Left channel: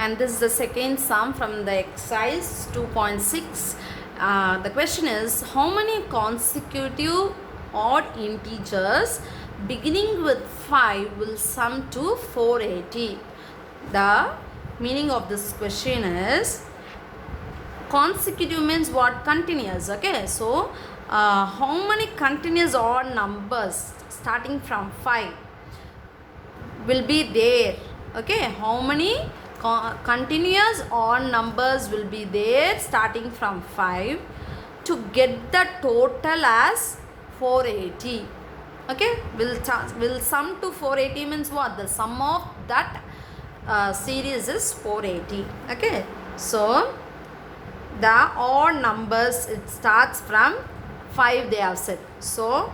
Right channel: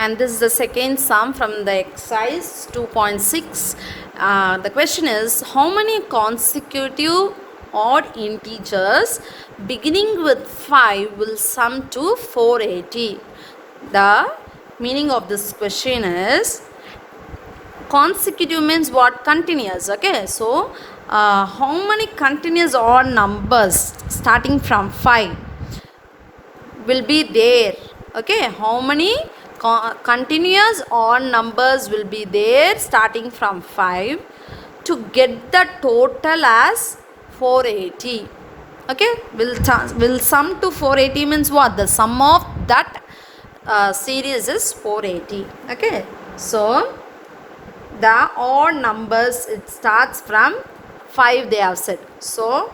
And this is the second sum from the exercise 2.6. The question is, how many consecutive odd integers beginning with 5 will sum to 480? The meaning of this question is, consecutive means what? Continuous. Okay, so how many continuous odd numbers starting from 5 will be there? Okay, how many continuous odd numbers will be there starting from 5 to get the total as 480? Okay, will sum to 480 means what? The sum of that series is 480. Okay, so the odd numbers, it starts from 5, they have said. So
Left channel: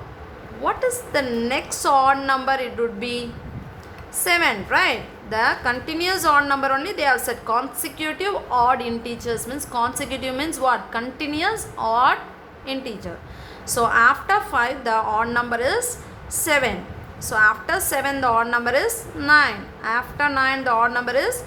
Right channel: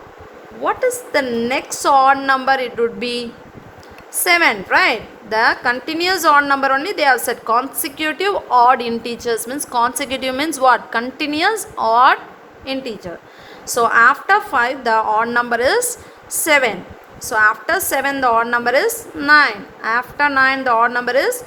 what is the next odd number? It would be 7, right? The continuous odd number only they have said. Consecutive odd integers means, consecutive means what? Continuous odd integer. So after 5 the odd number is 7. So after 7 the odd number is 9. After 9 the odd number is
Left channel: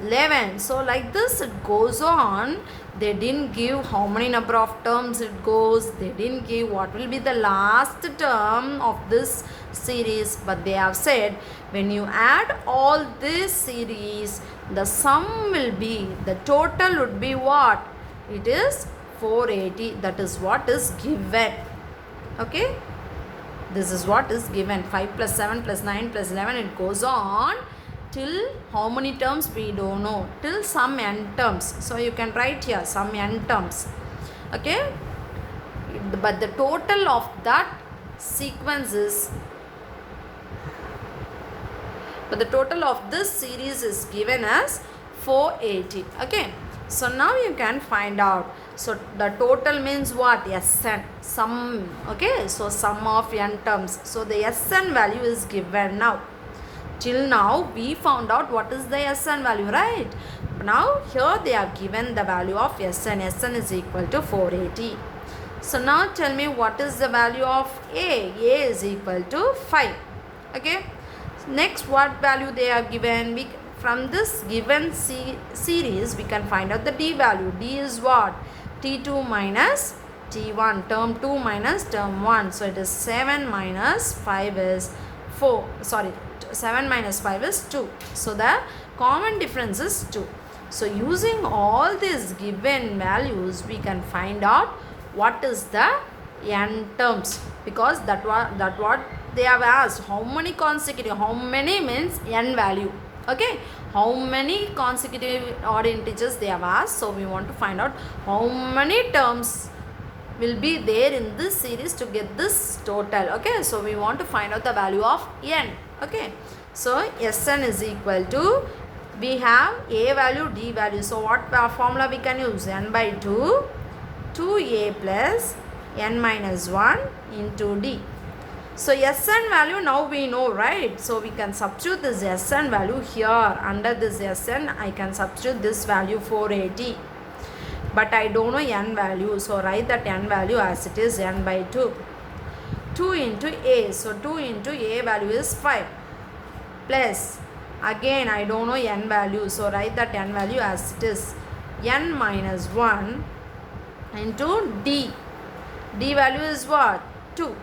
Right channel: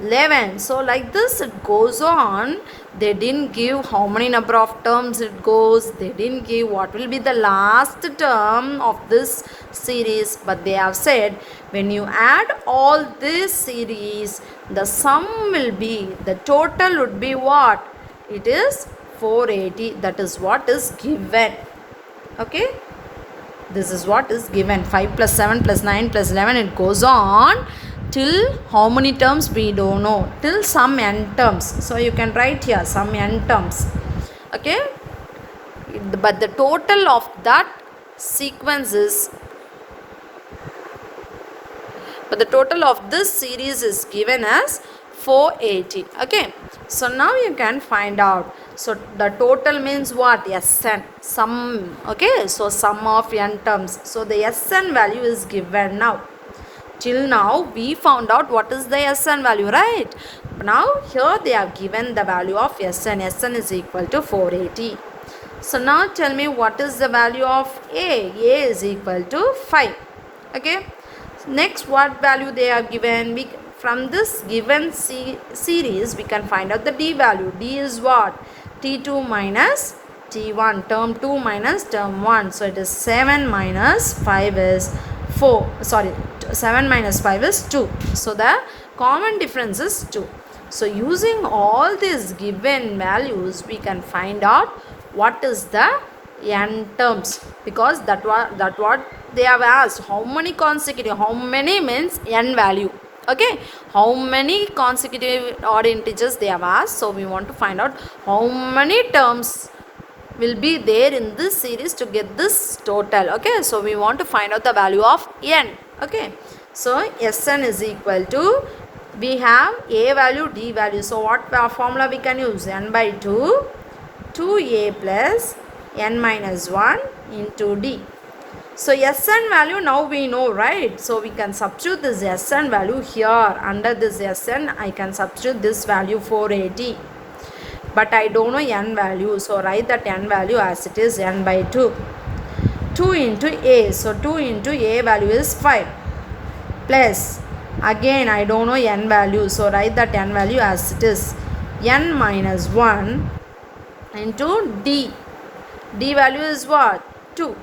11. So like this it goes on. They didn't give how many number of terms it goes. They didn't give what will be the last term of this series, but they have said when you add all this series, the sum will be, the total would be what? It is 480. That is what is given. Okay, this is what is given. 5 plus 7 plus 9 plus 11, it goes on till how many terms we don't know, till some n terms. So you can write here some n terms. Okay, but the total of that sequence is, but the total of this series is given as 480. Okay, so now you can find out. So the total means what? Sn, sum. Okay, so sum of n terms. So the Sn value is given now. Till now we found out what is the Sn value, right? Now here they are given the value of Sn. Sn is equal to 480. So now tell me what is the value of A? A is equal to 5. Okay, next what value they are given? From this given series we can find out the D value. D is what? T2 minus T1, term 2 minus term 1. So it is 7 minus 5 is 4. Sorry, 7 minus 5 is 2. So the common difference is 2. So using all these given values we can find out what is the n terms, because that what they have asked. How many consecutive, how many means n value. Okay, how many consecutive odd integers they have asked. So we want to find out how many terms will be there in this series to get this total. Okay, so we want to find out the value of n. Okay, so Sn is equal to, we have A value, D value. So what formula we can use? N by 2, 2A plus n minus 1 into D. So Sn value now we know, right? So we can substitute this Sn value here. Under this Sn I can substitute this value 480. But I don't know n value. So write that n value as it is, n by 2. 2 into A. So 2 into A value is 5. Plus, again I don't know n value. So write that n value as it is, n minus 1 into D. D value is what? 2.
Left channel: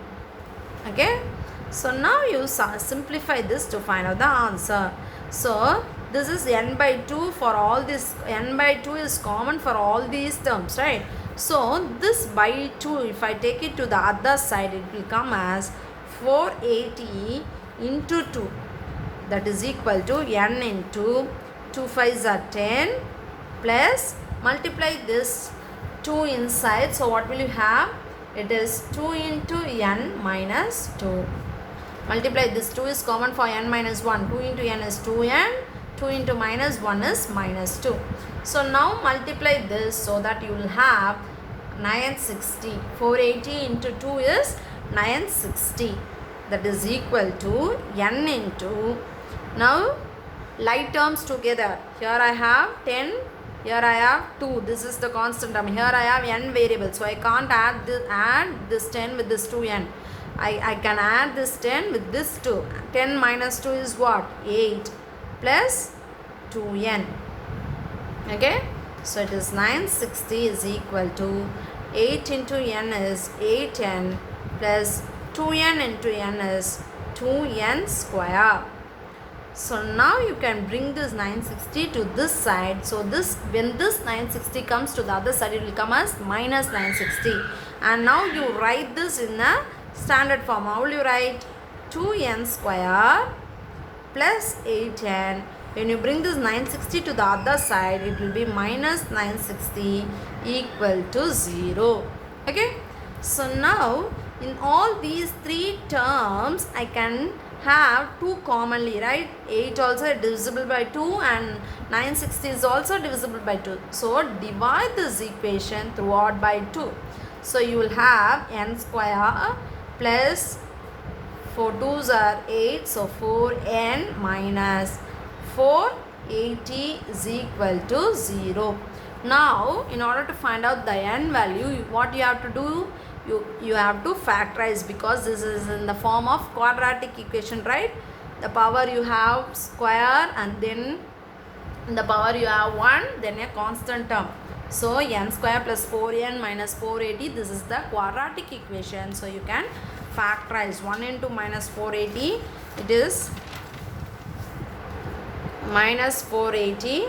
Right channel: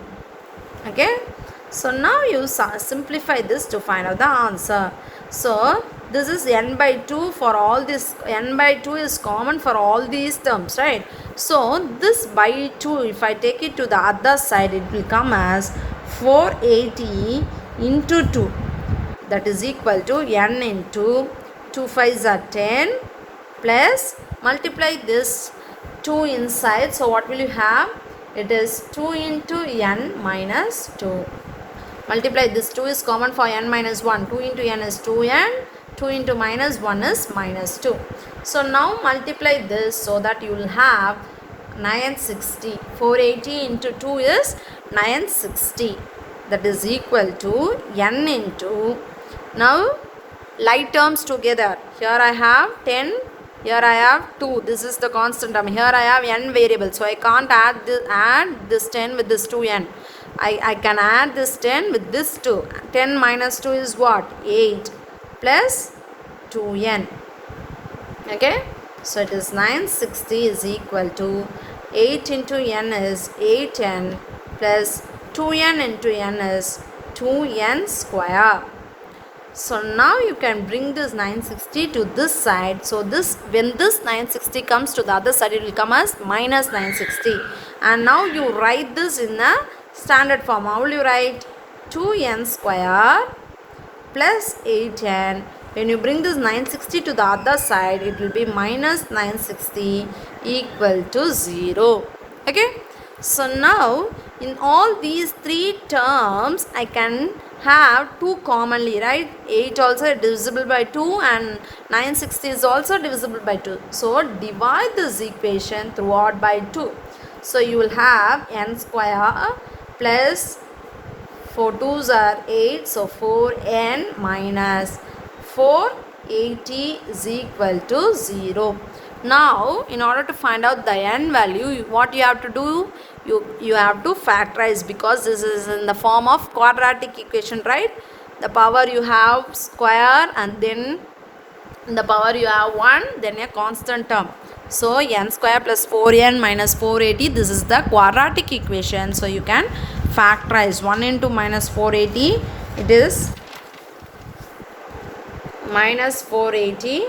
Okay, so now you simplify this to find out the answer. So this is n by 2 for all this. N by 2 is common for all these terms, right? So this by 2, if I take it to the other side, it will come as 480 into 2. That is equal to n into 2 5s are 10 plus multiply this 2 inside. So what will you have? It is 2 into n minus 2. Multiply this 2 is common for n minus 1. 2 into n is 2n. 2 into minus 1 is minus 2. So now multiply this so that you will have 960. 480 into 2 is 960. That is equal to n into, now like terms together. Here I have 10. Here I have 2. This is the constant term. Here I have n variables. So I can't add this 10 with this 2n. I can add this 10 with this 2. 10 minus 2 is what? 8 plus 2n. Okay, so it is 960 is equal to 8 into n is 8n plus 2n into n is 2n square. So now you can bring this 960 to this side. So this, when this 960 comes to the other side, it will come as minus 960. And now you write this in a standard form. How will you write? 2n square plus 8n. When you bring this 960 to the other side, it will be minus 960 equal to 0. Okay. So now in all these three terms, I can have 2 commonly, right? 8 also divisible by 2 and 960 is also divisible by 2. So divide this equation throughout by 2. So you will have n square plus 4 2s are 8, so 4n minus 480 is equal to 0. Now, in order to find out the n value, what you have to do? You have to factorize, because this is in the form of quadratic equation, right? The power you have square, and then in the power you have 1, then a constant term. So n square plus 4n minus 480, this is the quadratic equation. So you can factorize 1 into minus 480, it is minus 480.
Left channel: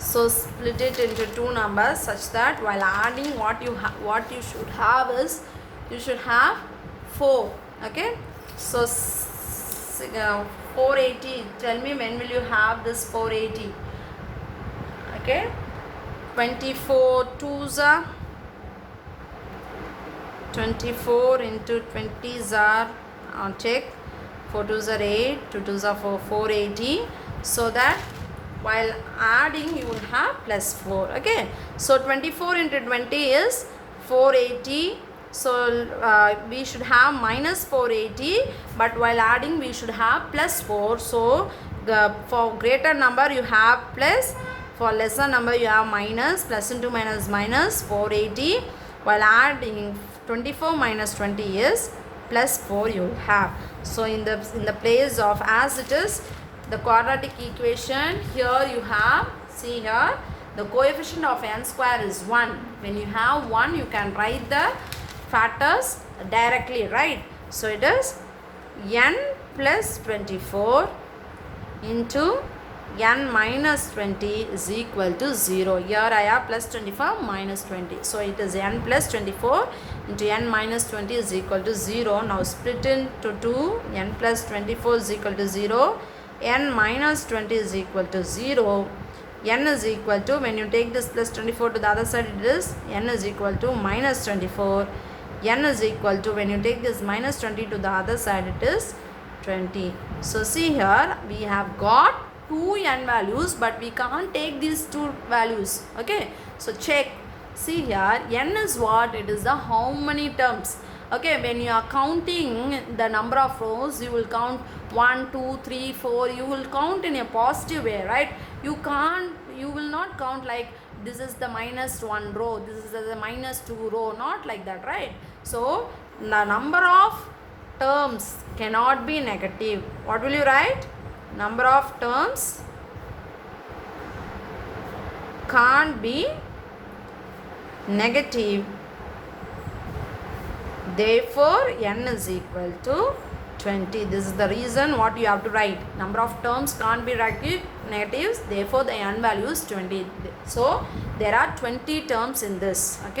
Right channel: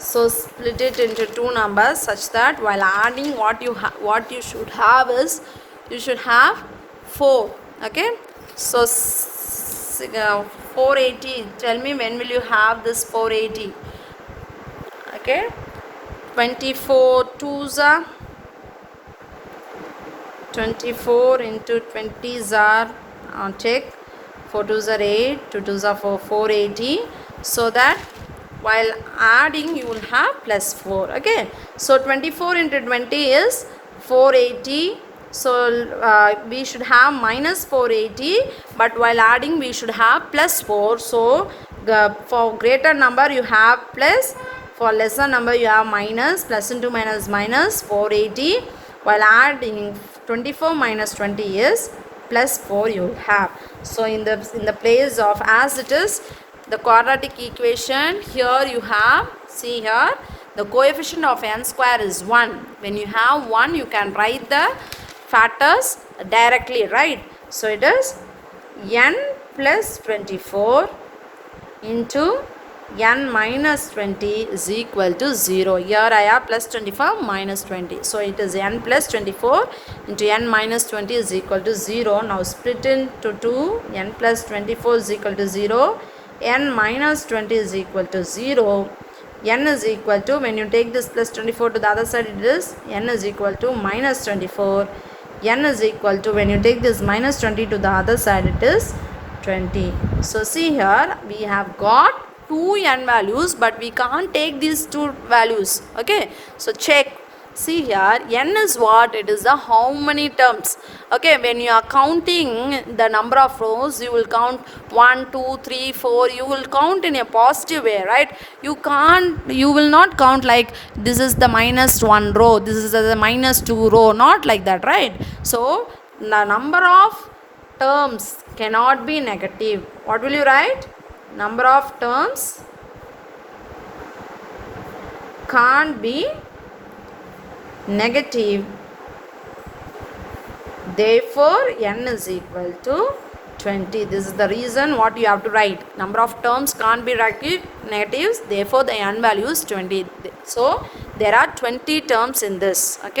So split it into two numbers such that while adding, what you should have is, you should have 4. Okay, so 480, tell me when will you have this 480? Okay, 24 2s are 24 into 20s are check, 4 2s are 8, 2 2s are 4, 480. So that while adding you will have plus 4. Okay, so 24 into 20 is 480. So we should have minus 480, but while adding we should have plus 4. So for greater number you have plus, for lesser number you have minus. Plus into minus minus 480. While adding 24 minus 20 is plus 4 you have. So in the place of, as it is the quadratic equation, here you have, see here, the coefficient of n square is 1. When you have 1, you can write the factors directly, right? So it is n plus 24 into n minus 20 is equal to 0. Here I have plus 24 minus 20. So it is n plus 24 into n minus 20 is equal to 0. Now split into 2. N plus 24 is equal to 0. N minus 20 is equal to 0. N is equal to, when you take this plus 24 to the other side, it is n is equal to minus 24. N is equal to, when you take this minus 20 to the other side, it is 20. So see here, we have got 2 n values, but we can't take these 2 values. Okay, so check. See here, n is what? It is the how many terms. Okay, when you are counting the number of rows, you will count 1, 2, 3, 4. You will count in a positive way, right? You will not count like this is the minus 1 row, this is the minus 2 row, not like that, right? So the number of terms cannot be negative. What will you write? Number of terms can't be negative. Therefore, n is equal to 20. This is the reason what you have to write. Number of terms can't be negatives. Therefore, the n value is 20. So, there are 20 terms in this. Okay.